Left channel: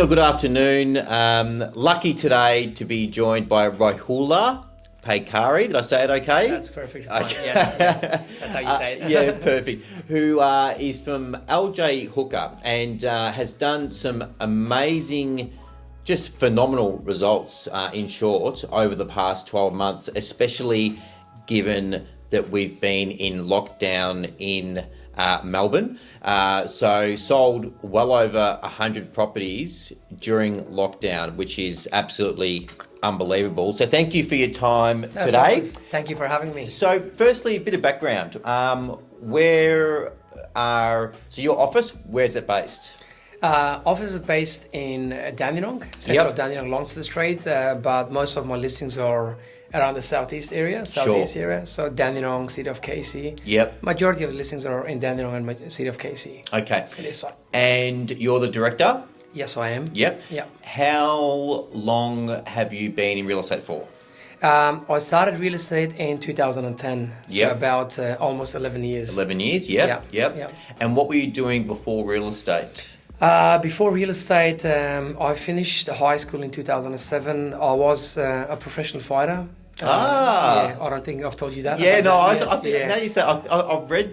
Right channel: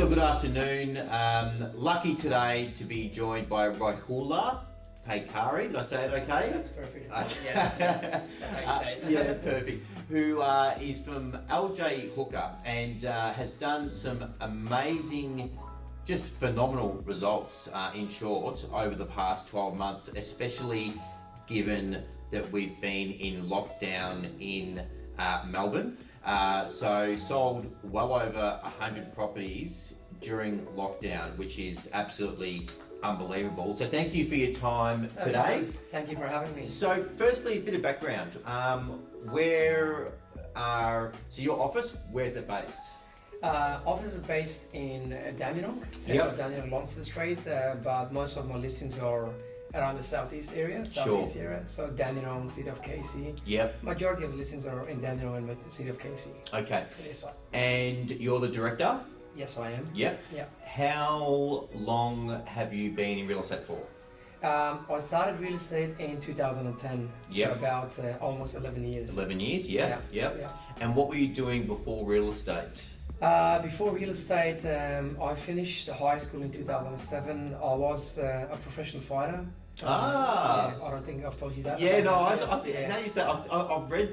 morning or good afternoon. Lucky today to be joined by Rohullah Paykari. Did I say it okay? That's perfect. Okay. Yes, that's how you say it. Yeah, perfect. Who is from LJ Hooker and has done some amazing, just phenomenal results in short over the past 12 months, especially given that we've been in lockdown in Melbourne. So sold well over 100 properties during lockdown, which is absolutely unbelievable. So thank you for your time today. Thank you for having me. So firstly, a bit of background. So your office, where's it based? Office is based in Dandenong, central Dandenong, Lonsford Street, but most of my listings are around the southeast area. So Dandenong, City of Casey. Yep. Majority of the listings are in Dandenong and City of Casey. Okay. It is so. And you're the director? Yes, I am. Yep. Yep. How long have you been in real estate for? I started real estate in 2010, so Yep. about almost 11 years. 11 years, yep. Yep. And what were you doing before real estate? Before real estate, I finished high school in 2007. I was a professional fighter. I don't think I've told you that. Yeah, no, that. I think now you say I've read.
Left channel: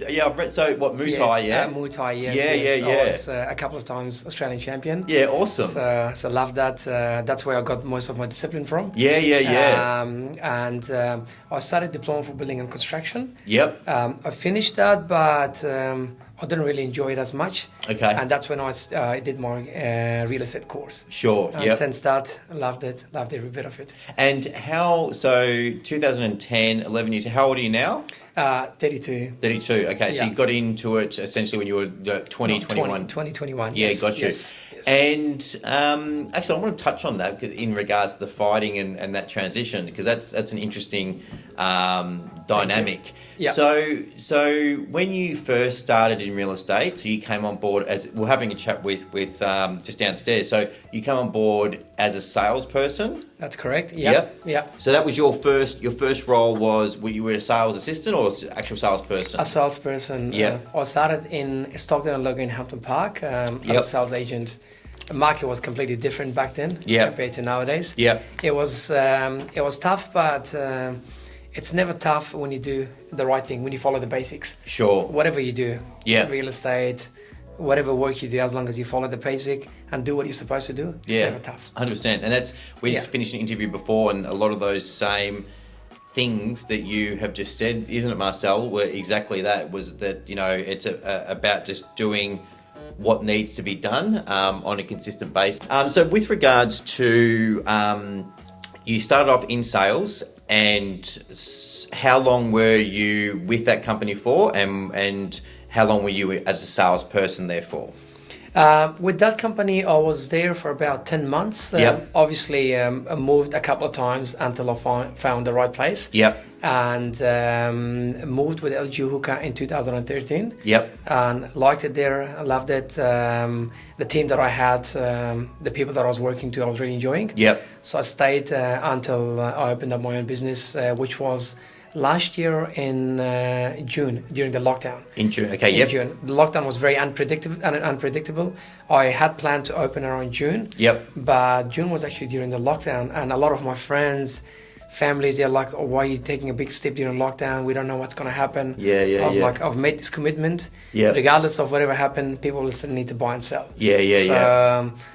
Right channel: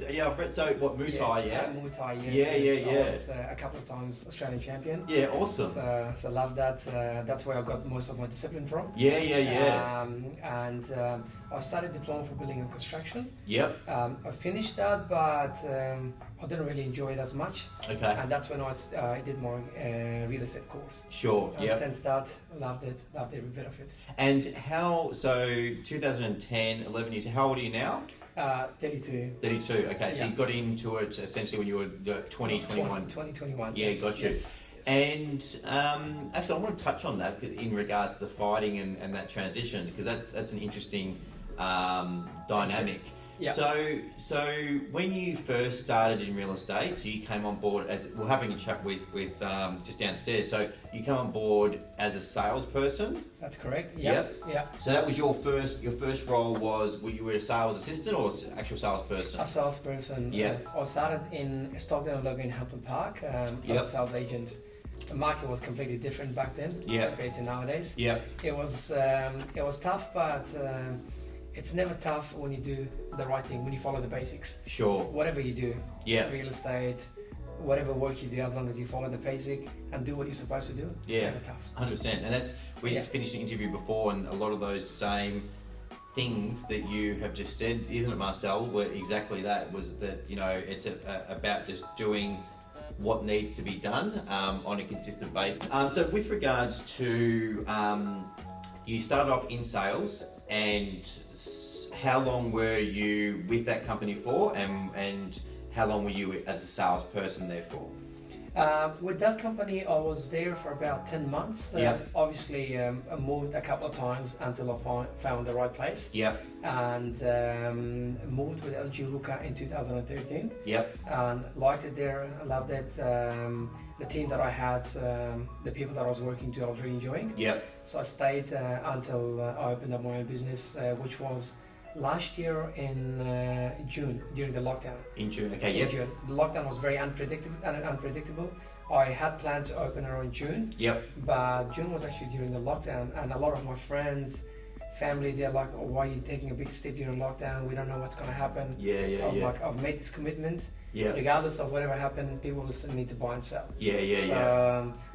So what, Muay Thai? Yeah, Muay Thai. Yes. Yeah. I was a couple of times Australian champion. Yeah, awesome. So love that. That's where I got most of my discipline from. Yeah. And I studied diploma for building and construction. Yep. I finished that, but I didn't really enjoy it as much. Okay. And that's when I did my real estate course. Sure. And since that, loved every bit of it. And so 2010, 11 years. How old are you now? 32. 32. Okay, so you got into it essentially when you were 2021. 2021. Yeah, yes, got you. Yes. And actually, I want to touch on that in regards to the fighting and that transition, because that's an interesting dynamic. Yeah. So when you first started in real estate, so you came on board as we're having a chat with just downstairs. So you come on board as a salesperson. That's correct. Yeah. So that was your first role you were a sales assistant or actual salesperson? A salesperson. Yeah. I started in Stockton and Logan in Hampton Park. As a sales agent. The market was completely different back then compared to nowadays. Yeah. It was tough, but it's never tough when you do the right thing, when you follow the basics. Sure. Whatever you do, yeah, real estate, whatever work you do, as long as you follow the basic and do what you're supposed to do, it's never tough. 100%. And we just finished an interview before, and a lot of those same things that you have just said, isn't it, Marcel, were exactly that, was that, it's about just doing what needs to be done on a consistent basis. So with regards to, you started off in sales, and how long were you with that company for, and how long were you as a salesperson there for? With that company, I was there for about 10 months. Obviously, I moved a couple of times until I found the right place. Yep. And moved with LG Hooker in 2013. Yep. And liked it there, loved it. The team that I had, the people that I was working to, I was really enjoying. Yep. So I stayed until I opened up my own business, which was last year in June during the lockdown. In June, okay, yep. In June. The lockdown was very unpredictable. I had planned to open around June. Yep. But June was actually during the lockdown, and a lot of my friends, families, they're like, "Oh, why are you taking a big step during lockdown? We don't know what's going to happen." I was like, I've made this commitment. Yeah. Regardless of whatever happened, people will still need to buy and sell.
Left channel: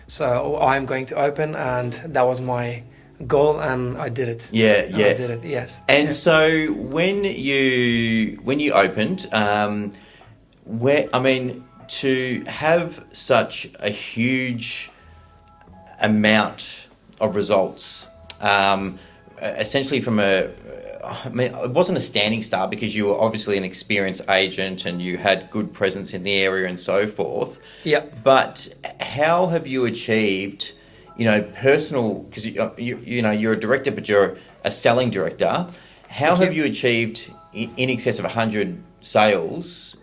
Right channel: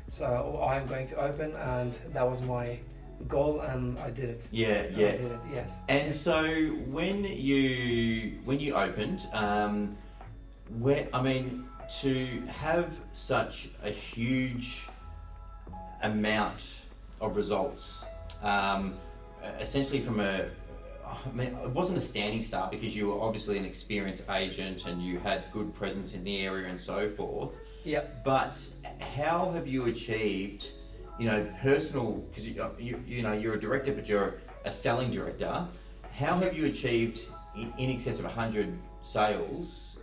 So I'm going to open, and that was my goal, and I did it. I did it. Yes. And so when you opened, to have such a huge amount of results, essentially from it wasn't a standing start, because you were obviously an experienced agent and you had good presence in the area and so forth. Yeah. But how have you achieved, personal, because you're a director, but you're a selling director. How have you achieved in excess of 100 sales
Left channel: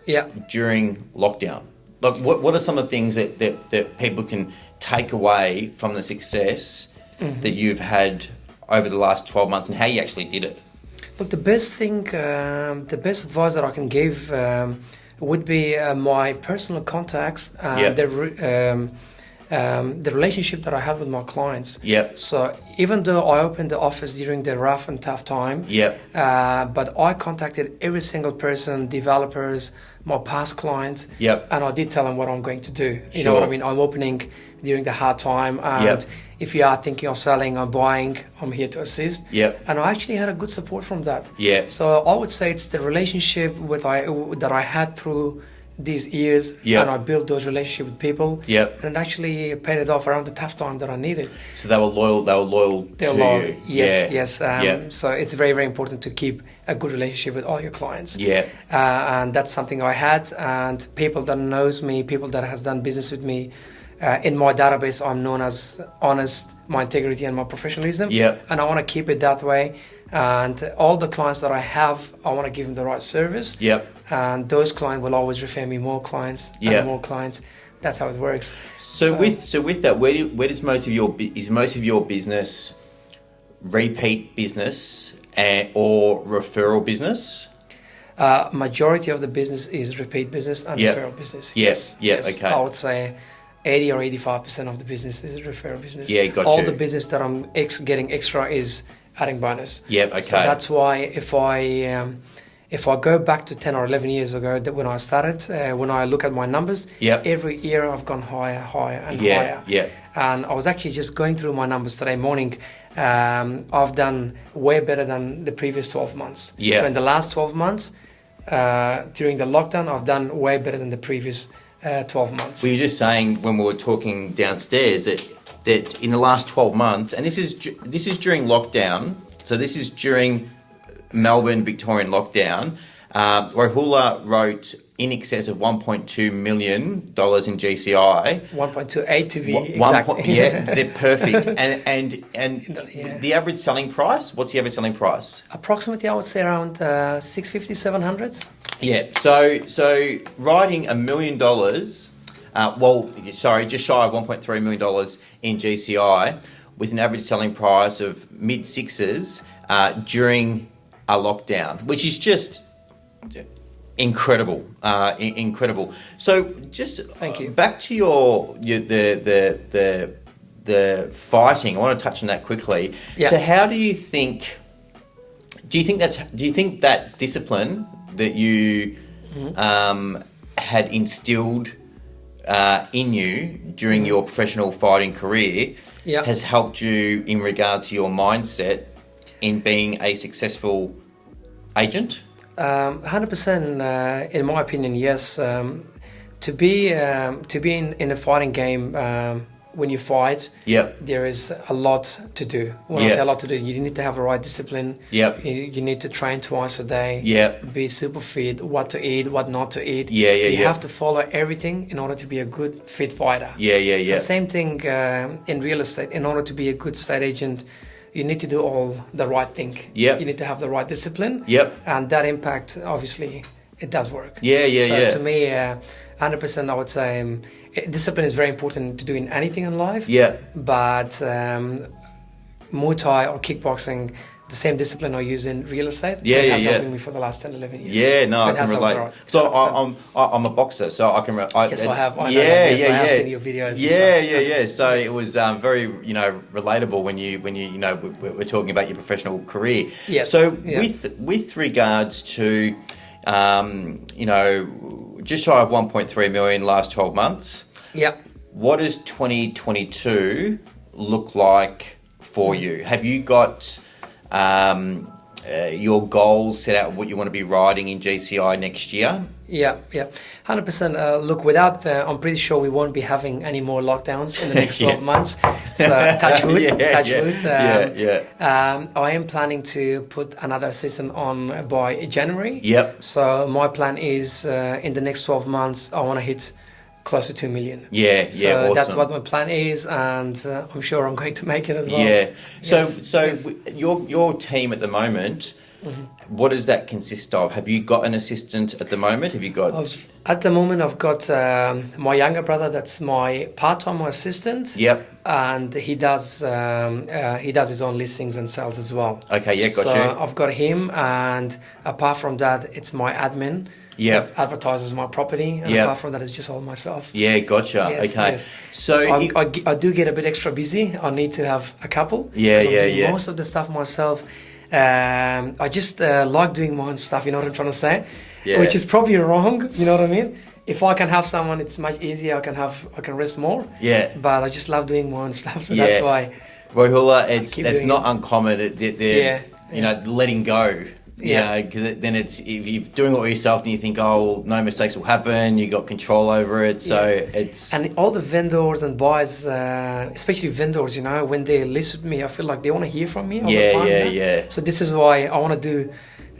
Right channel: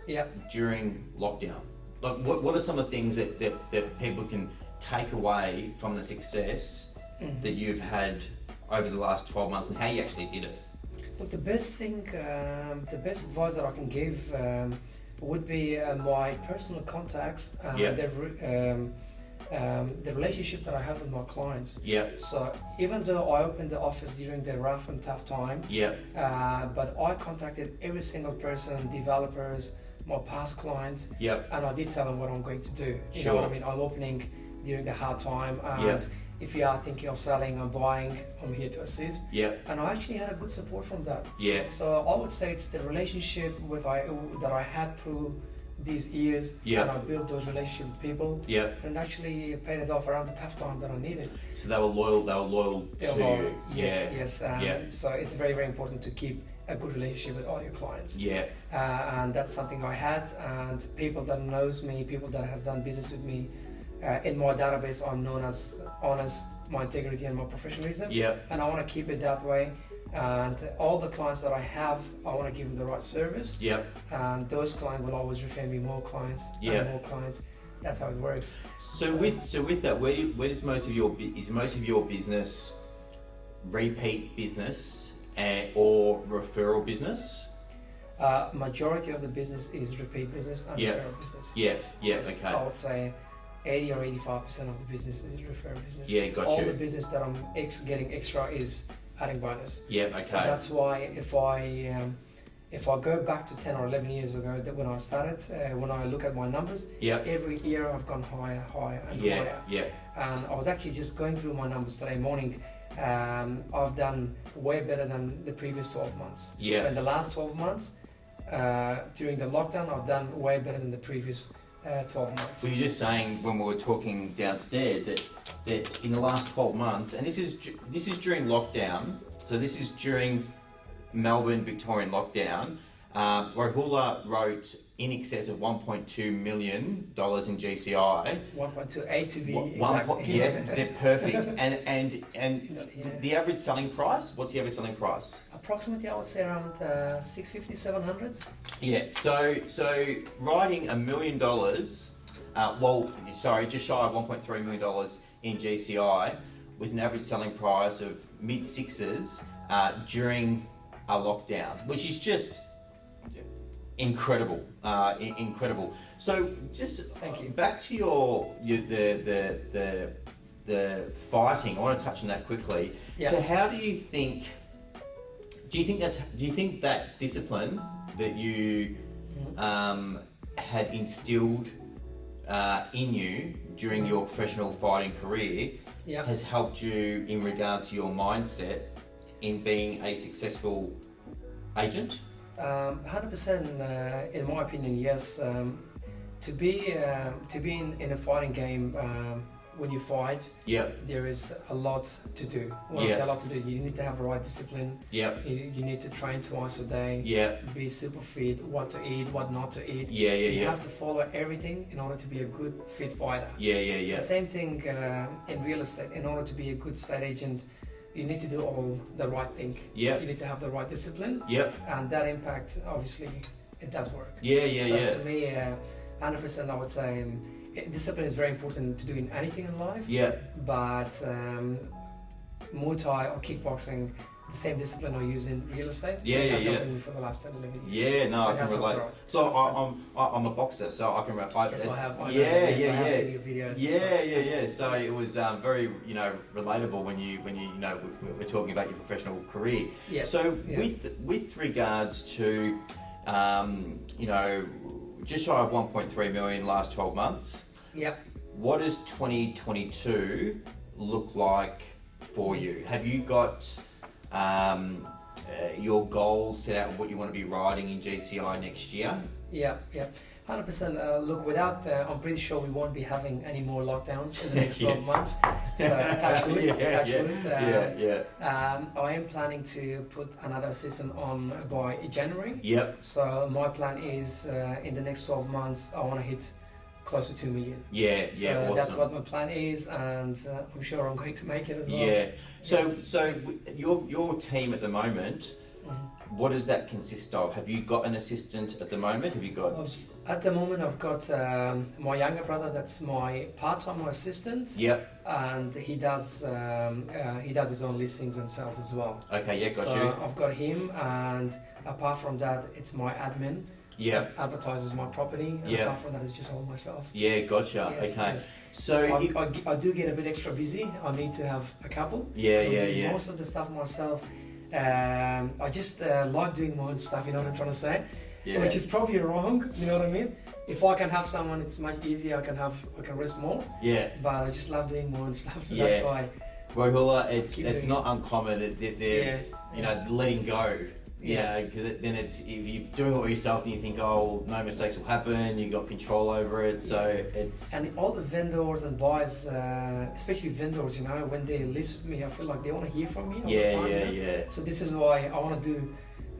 during lockdown? Like, what are some of the things that people can take away from the success that you've had over the last 12 months, and how you actually did it? Look, the best advice that I can give would be my personal contacts, the relationship that I have with my clients. Yep. So even though I opened the office during the rough and tough time, Yep. but I contacted every single person, developers, my past clients, Yep. and I did tell them what I'm going to do. You know what I mean? I'm opening during the hard time, and Yep. if you are thinking of selling or buying, I'm here to assist. Yep. And I actually had a good support from that. Yeah. So I would say it's the relationship that I had through these years, Yep. and I built those relationships with people. Yep. And it actually paid it off around the tough time that I needed. So they were loyal. They were loyal They're to loyal. you. Yes, Yeah. yes. Yep. So it's very, very important to keep a good relationship with all your clients. Yeah. And that's something I had. And people that knows me, people that has done business with me, in my database, I'm known as honest, my integrity and my professionalism. Yep. And I want to keep it that way. And all the clients that I have, I want to give them the right service. Yep. And those clients will always refer me more clients Yep. and more clients. That's how it works. So with that, where does most of your business repeat business or referral business? Majority of the business is repeat business and Yep. referral business. Yes. Yes. Okay. I would say 80 or 85% of the business is referral business. Yeah, got All you. the business that I'm getting extra is adding bonus. Yep. Okay. So that's why if I go back to 10 or 11 years ago, that when I started, when I look at my numbers, Yep. every year I've gone higher, higher, and Yeah. higher. Yeah. And I was actually just going through my numbers today morning. I've done way better than the previous 12 months. Yeah. So in the last 12 months, during the lockdown, I've done way better than the previous 12 months. We were just saying when we were talking downstairs that in the last 12 months, and this is during lockdown, so this is during Melbourne Victorian lockdown, Rohullah wrote in excess of $1.2 million in GCI. 1.28 to be One exact. point, yeah, they're perfect. And Yeah. the average selling price, what's the average selling price? Approximately, I would say around 650, 700. Yeah, so writing $1 million, just shy of $1.3 million in GCI with an average selling price of mid sixes during a lockdown, which is just incredible, incredible. So just Thank you. Back to the fighting. I want to touch on that quickly. Yeah. So how do you think? Do you think that discipline that you had instilled in you during your professional fighting career Yeah. has helped you in regards to your mindset in being a successful agent? 100%, in my opinion, yes. To be in a fighting game, when you fight, Yep. there is a lot to do. When I Yeah. say a lot to do, you need to have the right discipline. Yep. You need to train twice a day. Yep. Be super fit. What to eat, what not to eat. Yeah. You have to follow everything in order to be a good fit fighter. Yeah. The same thing in real estate. In order to be a good estate agent, you need to do all the right thing. Yep. You need to have the right discipline. Yep. And that impact, obviously, it does work. Yeah. So to me, 100%, I would say discipline is very important to do in anything in life. Yeah. But Muay Thai or kickboxing, the same discipline I use in real estate. Yeah, has yeah. helped me for the last 10, 11 years. Yeah, no, So I it can has helped relate. a lot. So 100%. I'm a boxer, so I can. Yes, I have. I know Yeah. I have seen your videos. and Yeah. stuff. So Yes. it was very, relatable when you we're talking about your professional career. Yes. So Yeah. with regards to, just shy of 1.3 million last 12 months. Yeah. What does 2022 look like for you? Have you got your goals set out, what you want to be riding in GCI next year? Yeah, 100%. Look, without, I'm pretty sure we won't be having any more lockdowns in the next 12 months. So touch wood, touch wood. I am planning to put another assistant on by January. Yep. So my plan is in the next 12 months, I want to hit close to 2 million. So awesome. That's what my plan is, and I'm sure I'm going to make it as well. Yeah. So Yes. your team at the moment, what does that consist of? Have you got an assistant at the moment? Have you got? At the moment, I've got my younger brother. That's my part-time assistant. Yep. And he does his own listings and sales as well. Okay. Yeah. Got So you. I've got him, and apart from that, it's my admin. Yep. that advertises my property, and Yep. apart from that, it's just all myself. Yeah, gotcha. Yes, Okay. yes. So I do get a bit extra busy. I need to have a couple. Yeah, 'cause I'm yeah, doing yeah. most of the stuff myself. I just like doing my own stuff. You know what I'm trying to say? Yeah. Which is probably wrong. You know what I mean? If I can have someone, it's much easier. I can rest more. Yeah. But I just love doing my own stuff, so Yeah. that's why. Rohullah, Keep it's doing not it. uncommon. You know, letting go. Yeah. Because then it's, if you're doing it all yourself, and you think, oh, well, no mistakes will happen. You got control over it, so Yes. it's. And all the vendors and buyers, especially vendors, you know, when they list with me, I feel like they want to hear from me all the time. You know? Yeah. So this is why I want to do.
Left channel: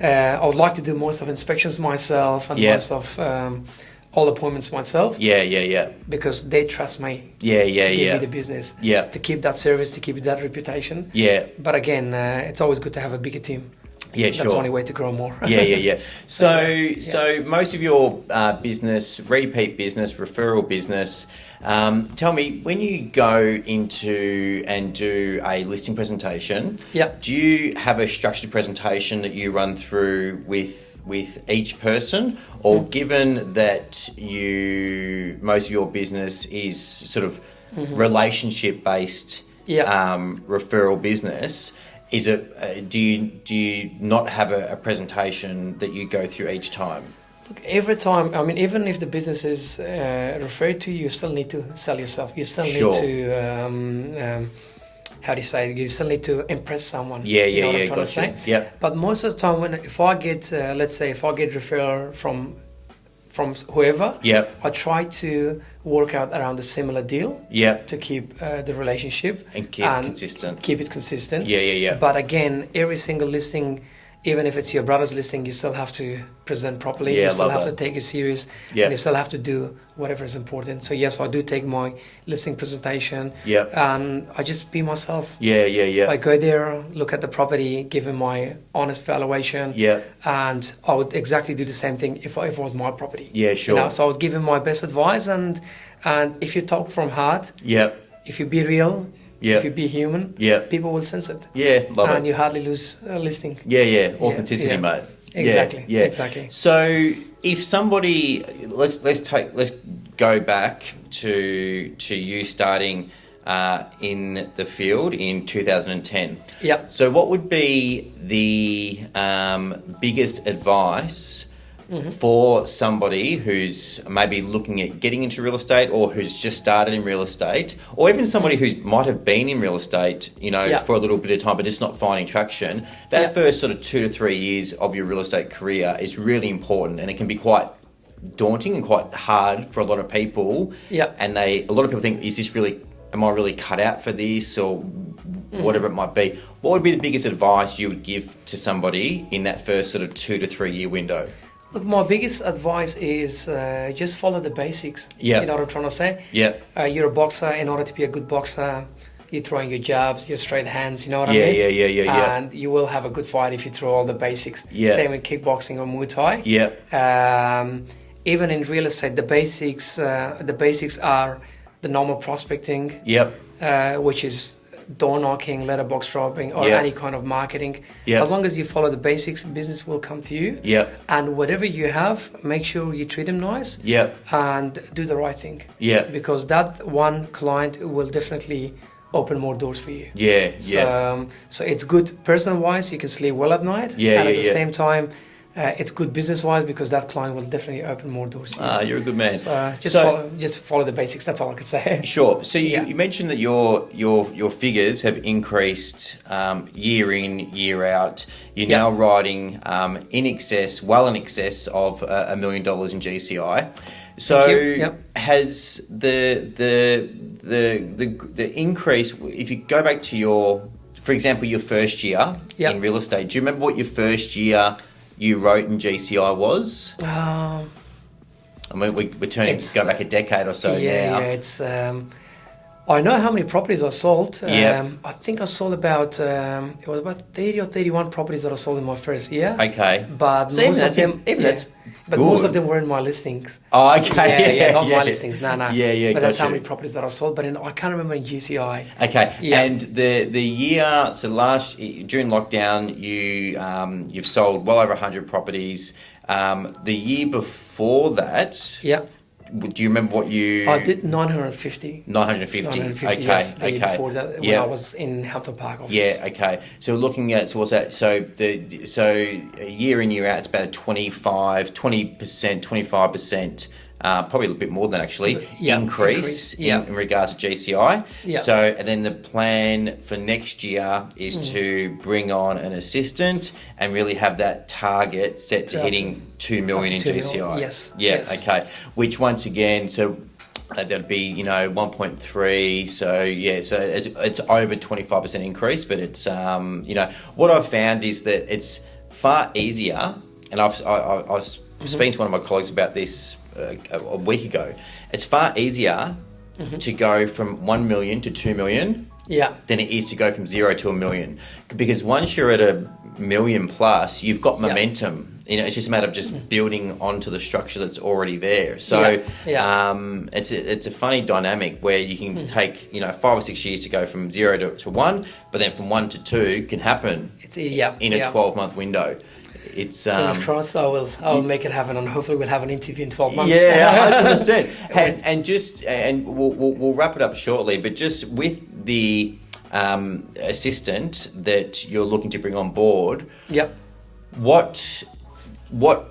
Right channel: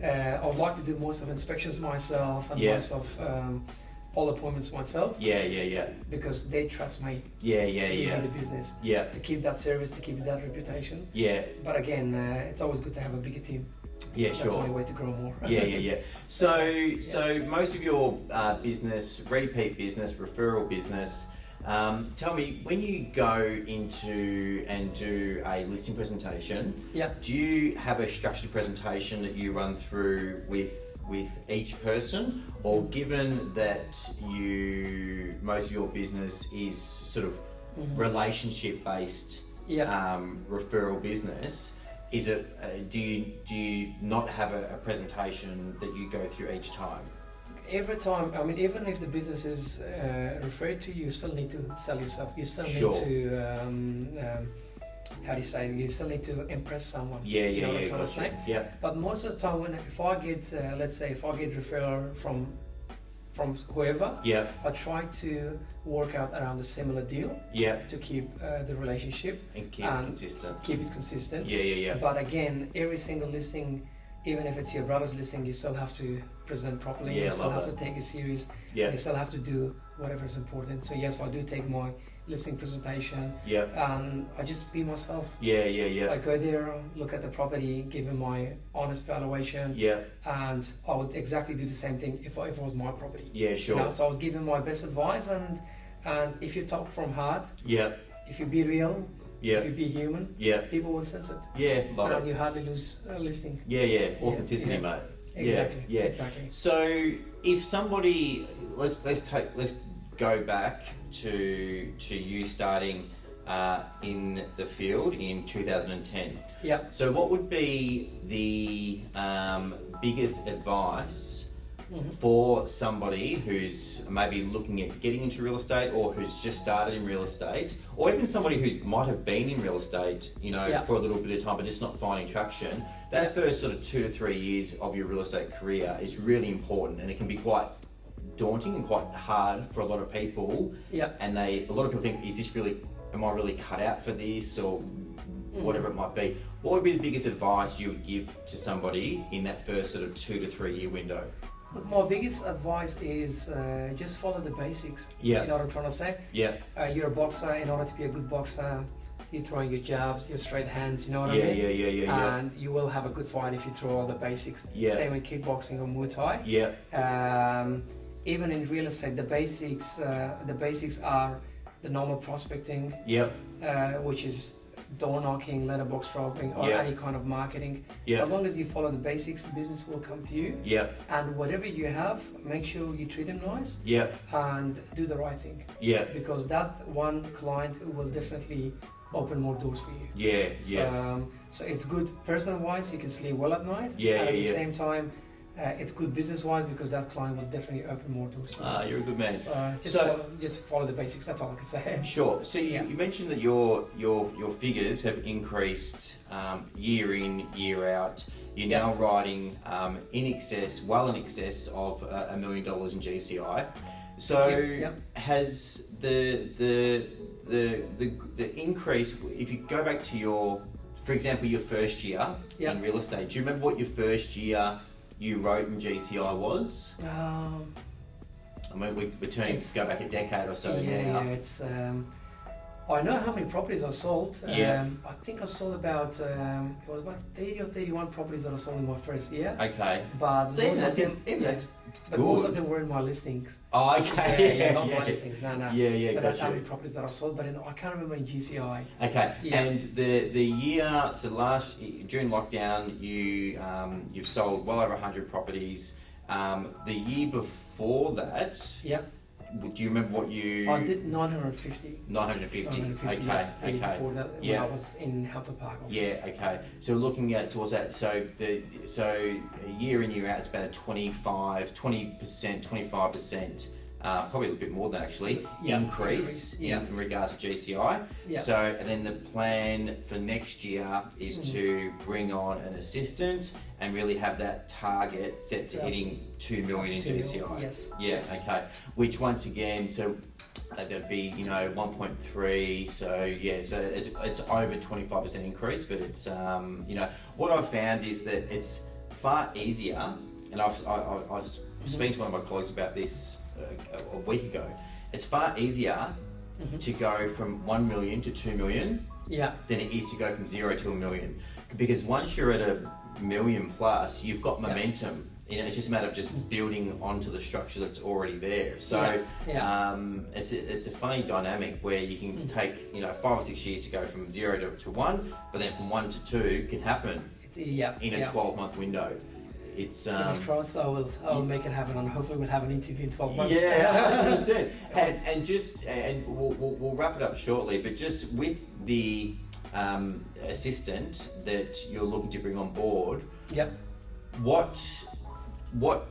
I would like to do most of inspections myself and Yeah. most of all appointments myself, Yeah. because they trust me Yeah. to give me the business, Yeah. to keep that service, to keep that reputation. Yeah. But again, it's always good to have a bigger team. Yeah, That's sure. the only way to grow more. Yeah. So most of your business, repeat business, referral business. Tell me, when you go into and do a listing presentation, Yeah. do you have a structured presentation that you run through with each person, or given that most of your business is sort of relationship based Yeah. referral business? Is it? Do you not have a presentation that you go through each time? Every time, I mean, even if the business is referred to, you still need to sell yourself. You still Sure. need to, how do you say? You still need to impress someone. Yeah, You know what I'm yeah. trying to say? Gotcha. Yep. But most of the time, if I get, let's say, if I get referral from whoever, Yep. I try to work out around a similar deal Yep. to keep the relationship And keep it consistent. Keep it consistent. Yeah. But again, every single listing, even if it's your brother's listing, you still have to present properly. Yeah, You still love have that. to take it serious. Yeah. And you still have to do whatever is important. So yes, I do take my listing presentation, Yep. and I just be myself. Yeah. I go there, look at the property, give him my honest valuation, Yeah. and I would exactly do the same thing if it was my property. Yeah. You Sure. know, so I would give him my best advice, and if you talk from heart, Yep. if you be real, Yeah. if you be human, Yeah. people will sense it, Yeah. Love and it. you hardly lose a listing. Yeah. Authenticity, Yeah. mate. Exactly. Yeah. Exactly. So if somebody, let's go back to you starting in the field in 2010. Yeah. So what would be the biggest advice for somebody who's maybe looking at getting into real estate, or who's just started in real estate, or even somebody who might have been in real estate, you know, Yeah. for a little bit of time but just not finding traction? That Yeah. first sort of 2 to 3 years of your real estate career is really important, and it can be quite daunting and quite hard for a lot of people. Yeah. And a lot of people think, am I really cut out for this, or whatever it might be? What would be the biggest advice you would give to somebody in that first sort of 2 to 3 year window? Look, my biggest advice is just follow the basics. Yeah. You know what I'm trying to say? Yeah. You're a boxer. In order to be a good boxer, you throw in your jabs, your straight hands. You know what I Yeah, mean? yeah. And you will have a good fight if you throw all the basics. Yeah. Same with kickboxing or Muay Thai. Yeah. Even in real estate, the basics are the normal prospecting, Yep. which is door knocking, letterbox dropping, or Yeah. any kind of marketing. Yeah. As long as you follow the basics, business will come to you. Yep. And whatever you have, make sure you treat them nice Yep. and do the right thing. Yeah. Because that one client will definitely open more doors for you. Yeah. So it's good personal-wise, you can sleep well at night. Yeah, And at yeah, the yeah. same time, it's good business-wise because that client will definitely open more doors for you. You're a good man. So just follow the basics. That's all I can say. Sure. So Yeah. you mentioned that your figures have increased year in, year out. You're Yeah. now riding well in excess of $1 million in GCI. So Thank you. Yep. has the increase, if you go back to for example, your first year Yep. in real estate, do you remember what your first year you wrote in GCI was? Um, I mean, we're go back a decade or so yeah, now. it's. I know how many properties I sold. Yeah. I think I sold about it was about 30 or 31 properties that I sold in my first year. Okay. But So even most of them, that's but good. most of them were in my listings. Oh, okay. Yeah, not my listings. No. Yeah, But that's how gotcha. many properties that I sold. But I can't remember in GCI. Okay, Yeah. and the year, so during lockdown, you've sold well over 100 properties. The year before that, Yeah. do you remember what you... I did 950. 950. 950, Okay, yes, the year okay. before that, when Yeah. I was in Hampton Park office. Yeah, okay. So we're looking at, so what's that? So year in, year out, it's about a 20%, 25%, probably a bit more than actually, increase in regards to GCI. Yeah. So, and then the plan for next year is to bring on an assistant and really have that target set to hitting 2 million in GCI. Yes. Yeah, yes. okay. Which once again, so that'd be 1.3. So yeah, so it's over 25% increase, but it's what I've found is that it's far easier, and I was speaking to one of my colleagues about this a week ago. It's far easier to go from 1 million to 2 million than it is to go from 0 to 1 million, because once you're at a million plus, you've got momentum. It's just a matter of just building onto the structure that's already there. So it's a funny dynamic where you can take 5 or 6 years to go from 0 to 1, but then from 1 to 2 can happen in a 12-month window. It's fingers crossed. I'll make it happen, and hopefully we'll have an interview in 12 months. Yeah, 100%. and we'll wrap it up shortly. But just with the assistant that you're looking to bring on board, what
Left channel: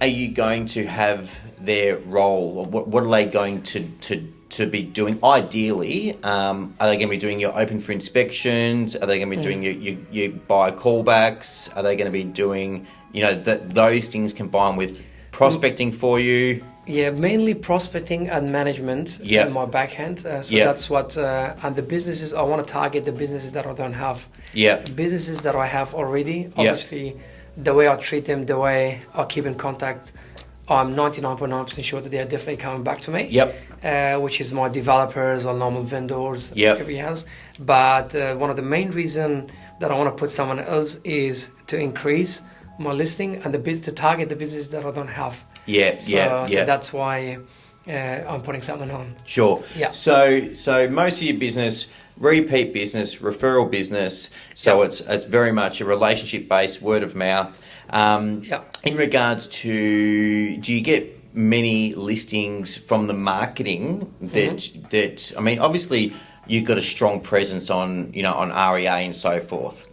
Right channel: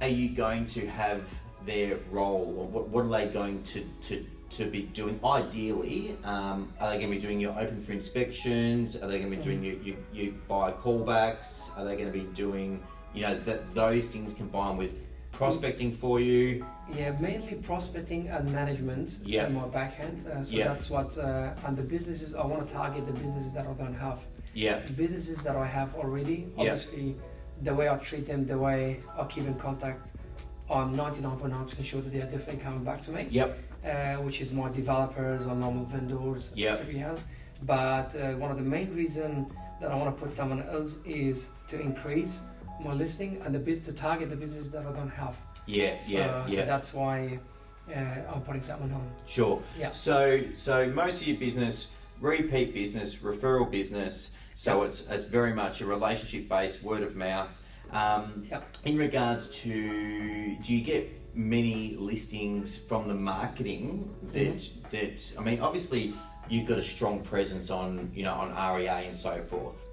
are you going to have their role? What are they going to be doing? Ideally, are they going to be doing your open for inspections? Are they going to be doing your buy callbacks? Are they going to be doing those things combined with prospecting for you? Yeah, mainly prospecting and management in my backhand. That's what, and the businesses, I want to target the businesses that I don't have. Yeah. Businesses that I have already, obviously, the way I treat them, the way I keep in contact, I'm 99.9% sure that they are definitely coming back to me. Which is my developers or normal vendors, every house. But one of the main reasons that I want to put someone else is to increase my listing and to target the business that I don't have. So that's why I'm putting someone on. Sure. Yeah. So most of your business, repeat business, referral business. So it's very much a relationship based, word of mouth. In regards to, do you get many listings from the marketing that I mean, obviously you've got a strong presence on on REA and so forth.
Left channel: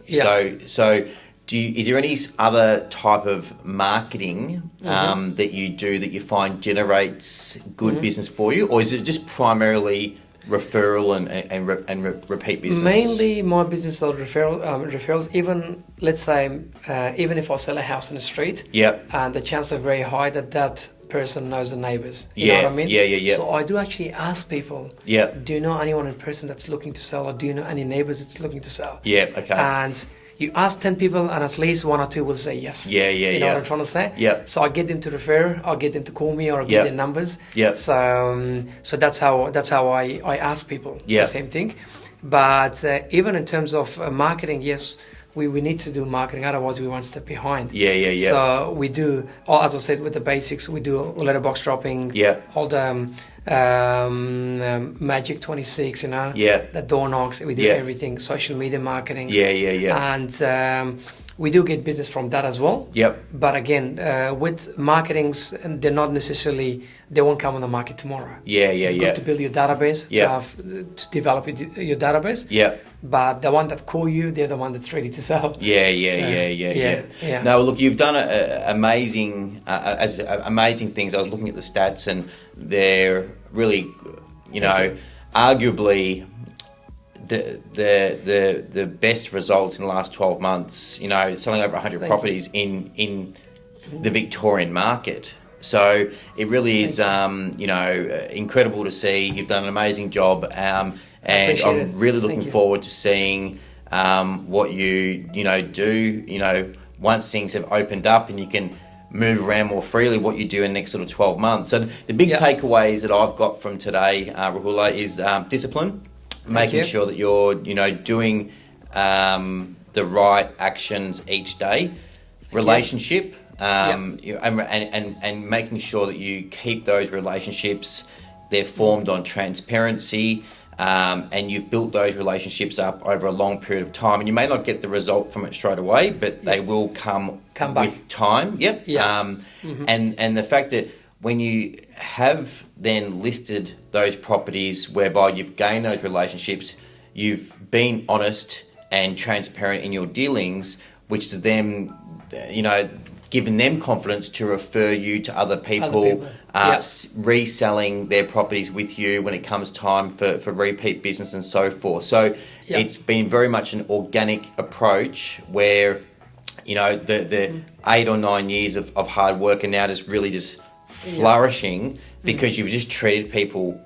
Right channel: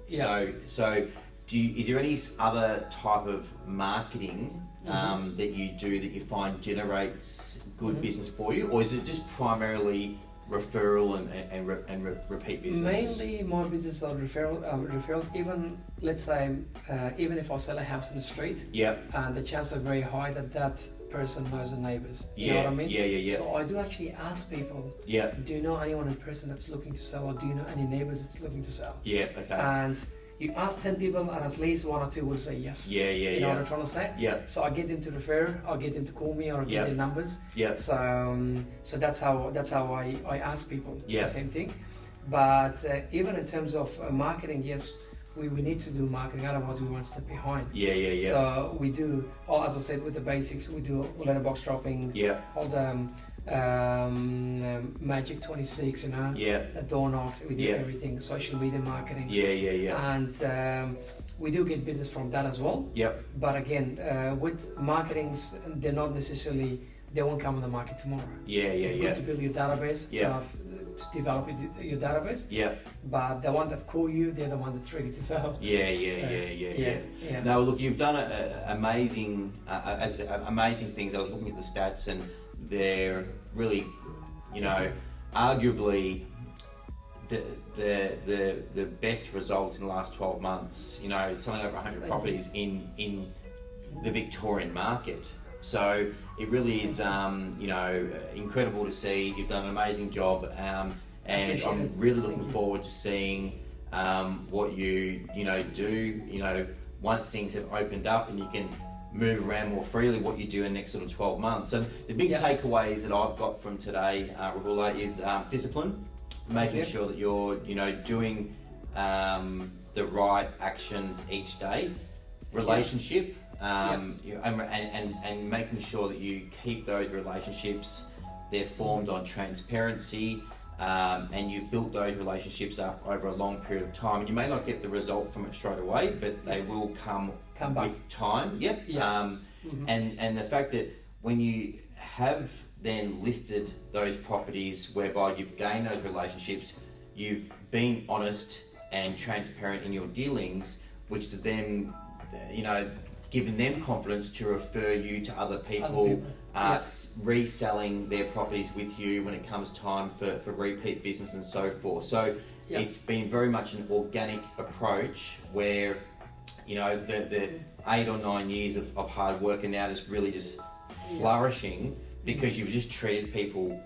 So is there any other type of marketing that you do that you find generates good business for you, or is it just primarily referral and repeat business? Mainly my business are referrals. Even let's say even if I sell a house in the street, and the chances are very high that person knows the neighbors. You know what I mean? So I do actually ask people, do you know anyone in person that's looking to sell, or do you know any neighbors that's looking to sell? And you ask 10 people and at least 1 or 2 will say yes. You know what I'm trying to say? So I get them to refer, I'll get them to call me, or I'll get their numbers. So that's how I ask people the same thing. But even in terms of marketing, yes, we need to do marketing, otherwise we one step behind. So we do, as I said, with the basics, we do letterbox dropping, all the Magic 26, the door knocks, we do everything, social media marketing. And we do get business from that as well. But again, with marketings, they're not necessarily, they won't come on the market tomorrow. It's good to build your database, to develop your database. But the one that call you, they're the one that's ready to sell. Now, look, you've done amazing things. I was looking at the stats, and they're really, arguably the best results in the last 12 months. Selling over 100 properties in the Victorian market. So it really is, incredible to see. You've done an amazing job, and I'm really looking forward to seeing what you do. Once things have opened up and you can move around more freely, what you do in the next sort of 12 months. So the big takeaways that I've got from today, Rohullah, is discipline, making sure that you're doing the right actions each day, relationship. And making sure that you keep those relationships, they're formed on transparency, and you've built those relationships up over a long period of time, and you may not get the result from it straight away, but they will come back with time. Yep. Yeah. And the fact that when you have then listed those properties whereby you've gained those relationships, you've been honest and transparent in your dealings, which is them, giving them confidence to refer you to other people. Reselling their properties with you when it comes time for repeat business and so forth. So it's been very much an organic approach where, the 8 or 9 years of hard work are now just really just flourishing because you've just treated people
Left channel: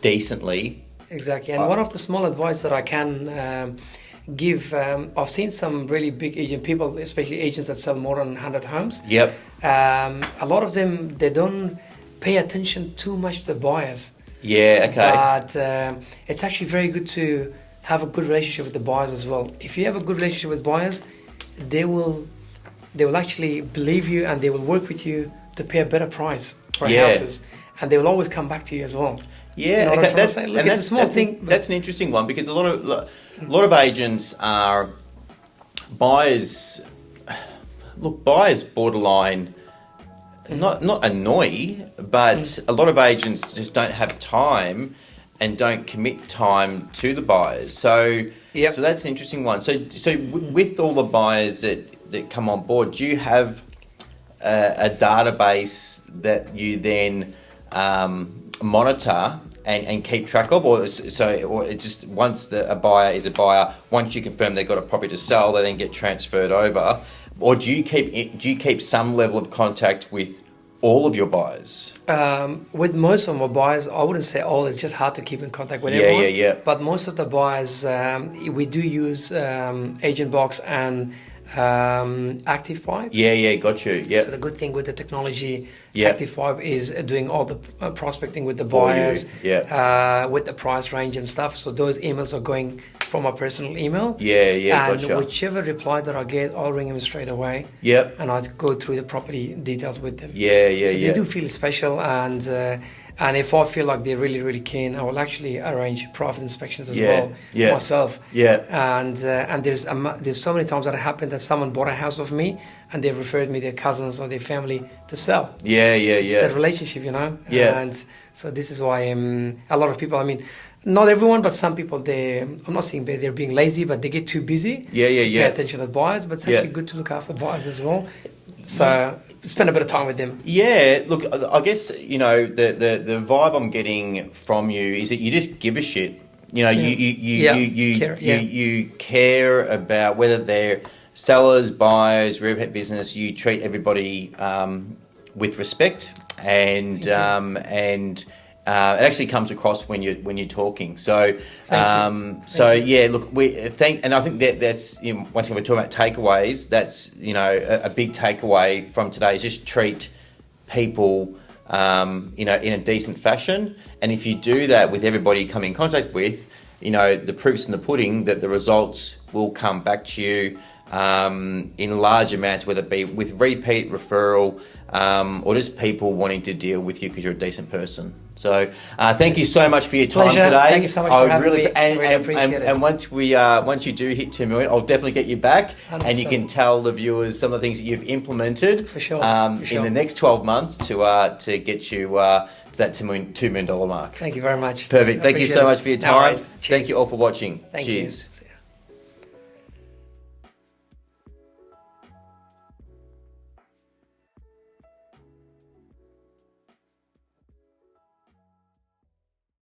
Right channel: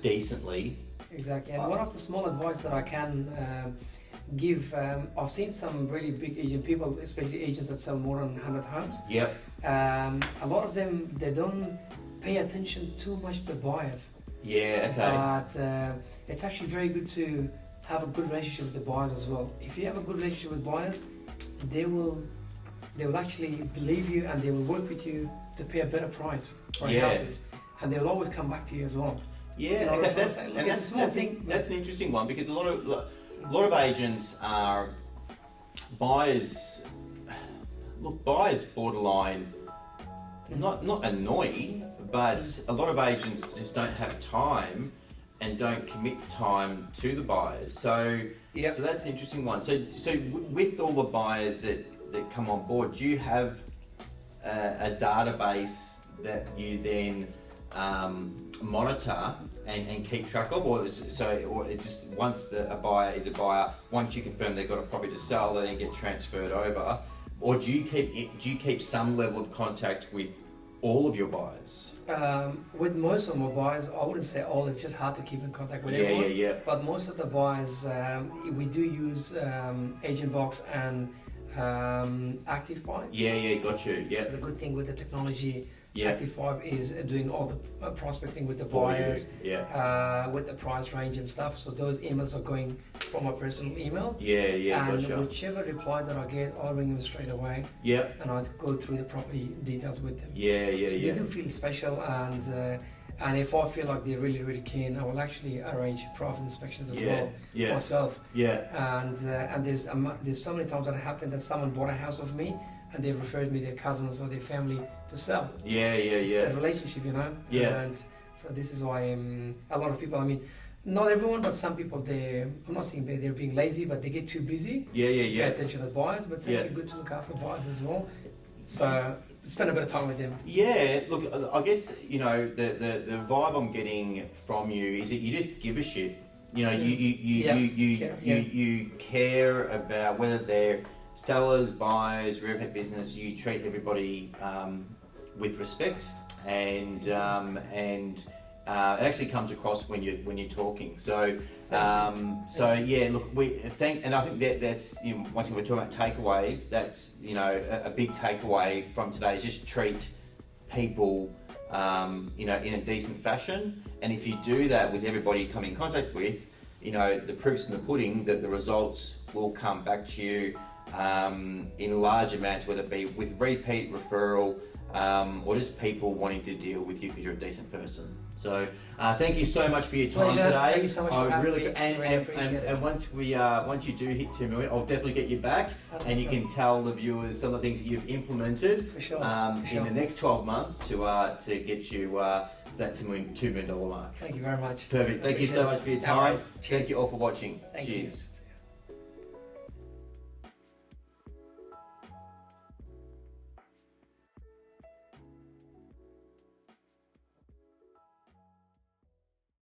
decently. Exactly. And one of the small advice that I can give, I've seen some really big agent people, especially agents that sell more than 100 homes. Yep. A lot of them, they don't pay attention too much to the buyers. Yeah, okay. But it's actually very good to have a good relationship with the buyers as well. If you have a good relationship with buyers, they will actually believe you, and they will work with you to pay a better price for houses, and they will always come back to you as well. Yeah, that's a small thing. That's an interesting one, because a lot of agents are buyers. Look, buyers borderline, not annoy, but a lot of agents just don't have time and don't commit time to the buyers. So that's an interesting one. So with all the buyers that come on board, do you have a database that you then monitor and keep track of, or it just once a buyer is a buyer, once you confirm they've got a property to sell, they then get transferred over, or do you keep some level of contact with all of your buyers? With most of my buyers, I wouldn't say all. It's just hard to keep in contact with everyone. Yeah. But most of the buyers, we do use Agent Box and Active Pipe. Yeah, got you. Yeah. So the good thing with the technology, Active Pipe is doing all the prospecting with the buyers, with the price range and stuff. So those emails are going from my personal email. Yeah, and gotcha. whichever reply that I get, I'll ring them straight away. Yep. And I'll go through the property details with them. Yeah. So they do feel special, and if I feel like they're really, really keen, I will actually arrange private inspections as well myself. Yeah. And there's so many times that it happened that someone bought a house of me and they referred me their cousins or their family to sell. Yeah. It's that relationship, Yeah. And so this is why a lot of people, I mean, not everyone, but some people, I'm not saying they're being lazy, but they get too busy. Yeah. Pay attention to buyers, but it's actually good to look after buyers as well. So spend a bit of time with them. Yeah, look, I guess, the vibe I'm getting from you is that you just give a shit. You care about whether they're sellers, buyers, repeat business. You treat everybody with respect, and it actually comes across when you're talking. So look, and I think that's once again we're talking about takeaways. That's a big takeaway from today is just treat people in a decent fashion. And if you do that with everybody you come in contact with, the proof's in the pudding that the results will come back to you in large amounts, whether it be with repeat referral or just people wanting to deal with you because you're a decent person. So thank you so much for your time Pleasure. today. Thank you so much for having me. Really appreciate it. And once you do hit 2 million, I'll definitely get you back 100%. And you can tell the viewers some of the things that you've implemented for sure. In the next 12 months to get you to that $2 million mark. Thank you very much. Perfect. Thank you so much for your time. No, thank you all for watching. Thank Cheers. You.